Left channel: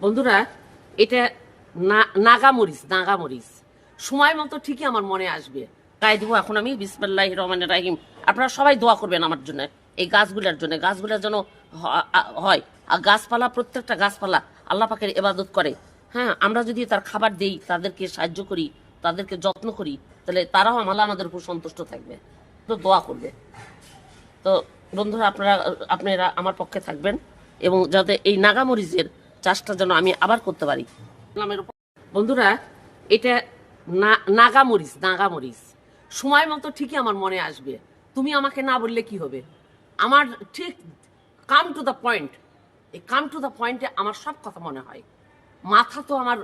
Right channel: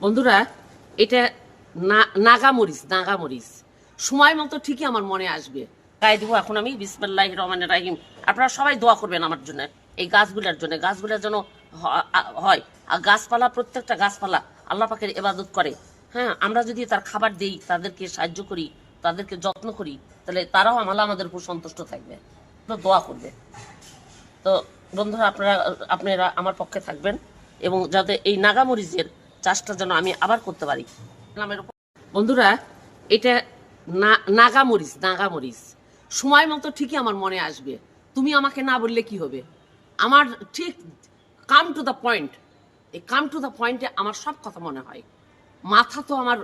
বন্ধুরা, এটা না- নাগা মরিচ নাগা মরিচ সময় মতো ঠিকই আমার মনে আসবে। গায়ে দিব এখন আমি বিসমিল্লাহ রহমান রাহিম। আপনারা সবাই দোয়া করবেন আমার জন্য, এই গাছগুলোর জন্য। গাছগুলোর যেন হয়। আর গাছপালা, প্রত্যেকটা গাছপালা আল্লাহ পাকের এবাদত করে। হ্যাঁ আমরা যদি তার খাবার দেই, তাদেরকে সাহায্য করি, তাদেরকে যত্ন করি, তাহলে তারাও আমলা আমাদের উপর সন্তুষ্ট থাকবে। তো দোয়া করবে। তো বন্ধুরা, আপনারা আপনারা আমার পক্ষে থাকবেন। এবং যাতে এই নাগামরিচের চাষটা যেন আমি আবার করতে পারি। বন্ধুরা, এটা না- নাগামরিচ নাগামরিচ। সময় মতো ঠিকই আমার মনে আসবে। তুমি আমাকে না বললে কি হবে? আমার ঠিক কাম টু দ্য পয়েন্ট এই কাম টু দ্য পয়েন্টে আমার সব কথা মনে হয়। মাথা তো আমার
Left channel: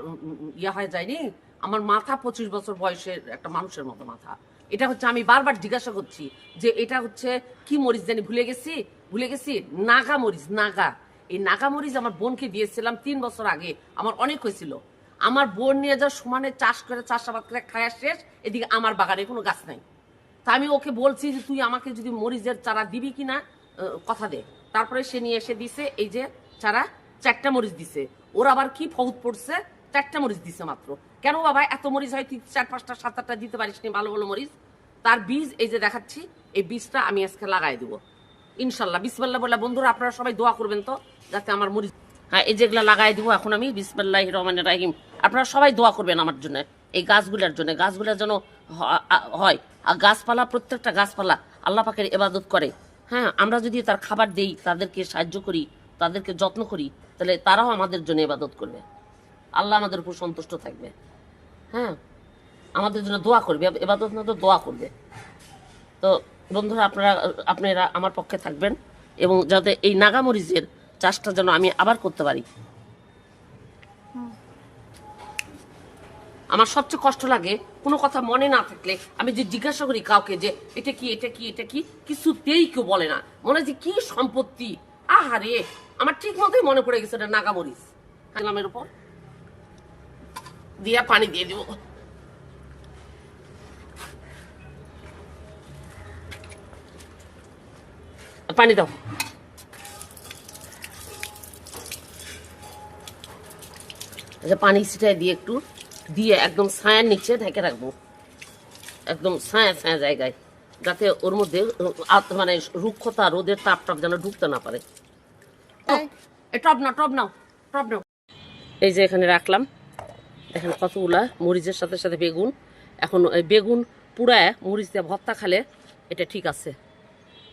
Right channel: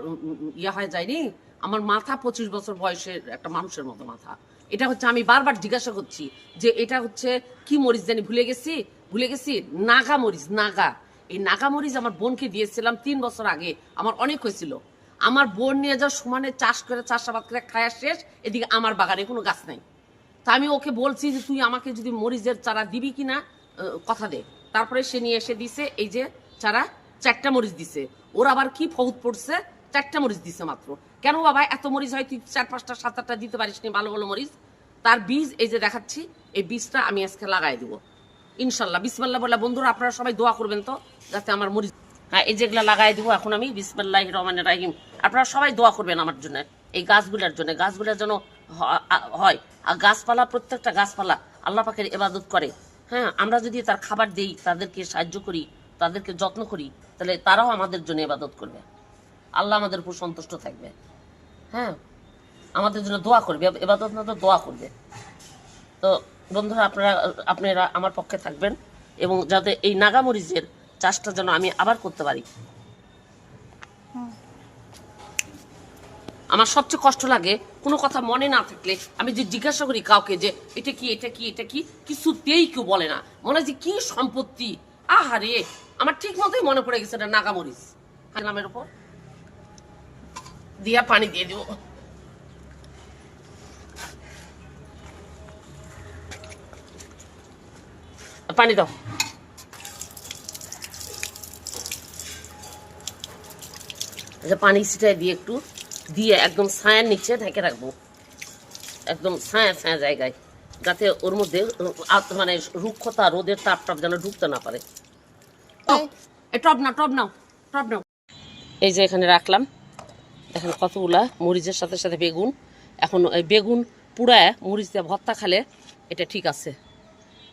ইয়ে হয়ে যায়নি। আমার মাথা পঁচিশ বছর বয়সের একটা মানুষের মতো মাথা। এটা হচ্ছে আমি বারবার জিজ্ঞাসা করছি যে এটা হচ্ছে কি মরিচ জানি ভুলে গেছি? ভুলে গেছি? নাগা মরিচ নাগা। এই নাগামরিচ আমার বোনকে দিয়েছিলাম তিন বছর আগে, আমার অনেক হয়েছিল। আমার বোন নিয়ে যা সমানে চাষ করে, চাষাবাদ করে খায়া শেষ, এদিকে আমার বাগানে কোনো গাছ নাই। তা আমি ওকে বলছি যে তুই আমাকে যদি মরিচের চারা দিবি কিনা কথা দে। তারপরে সে নিয়ে এসে দিছে, এই যে চারা চারটা মরিচ দিছে। ওর আবার কি ফৌত পড়ছে? চারটা মরিচ দিছে মাত্র। কেন বাবা, এত মরিচ হয়, তুই চার, পাঁচটা সাত আটটা দিতে পারিস নি ভালো ভালো মরিচ? তার বীজ, এই যে দেখাচ্ছি, এই বীজটা আমি আজকে লাগাই দিব। ইনশাল্লাহ, বিসমাল্লাহ বলে বন্ধুরা, আপনারা সবাই দোয়া করবেন তো, যাতে আমার মরিচ হ্যাঁ এই যেগুলো লাগাই দিব এখন আমি বিসমাল্লাহ রহমান রাহিম। আপনারা সবাই দোয়া করবেন আমার জন্য, এই গাছগুলোর জন্য গাছগুলোর যেন হয়। আর গাছপালা, প্রত্যেকটা গাছপালা আল্লাহ পাকের এবাদত করে। হ্যাঁ আমরা যদি তার খাবার দেই, তাদেরকে সাহায্য করি, তাদেরকে যত্ন করি, তাহলে তারাও আমাদের জন্য এবাদত করবে। আল্লাহ আমাদের উপর সন্তুষ্ট থাকবে। হ্যাঁ আমাদের জন্য দোয়া করবে এবাদত না তো দোয়া করবে। তো বন্ধুরা আপনারা আপনারা আমার পক্ষে থাকবেন এবং যাতে এই নাগামরিচের চাষটা যেন আমি আবার করতে পারি। আমার সবচেয়ে কষ্ট লাগে কোনো কথা মনে না থাকলে আমি যে জিজ্ঞাসা করি কাউকে যে, এটা কি এটা কি এটা কি? কিছুতেই কেউ বলে না। মনে হয় যে কি সম্পত্তি? আহারে! আমার ঠিক মতোই মনে পড়ে গেছে এটা নাগামরিচ। নামের উপর। দিয়ে পানি দিয়ে দিব। পানি দাও। আচ্ছা পানি ছিটাই দিয়ে একটু দিয়ে একদম ছায়ার নিচে ঢেকে রাখব। একদম ছায়া ছায়া জায়গায় যাতে ওর মধ্যে মানে রুক্ষতা রোদের তাপ টাপ যেন ঢুকতে না পারে। এ টব না টব নাও টব নাও এই যে এখানে রাখলাম। দেখেন কতগুলা মরিচের সাথে সাথে বেগুন। এখন বেগুন পুড়ায় মরিচ দিয়ে ভর্তা খালে এটা ঠিক আছে।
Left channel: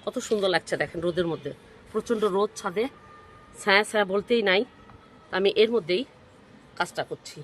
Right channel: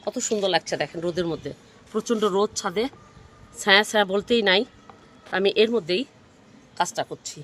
কত সুন্দর লাগছে দেখেন রোদের মধ্যে। প্রচণ্ড রোদ ছাদে। ছায়া ছায়া বলতেই নাই। আমি এর মধ্যেই কাজটা করছি।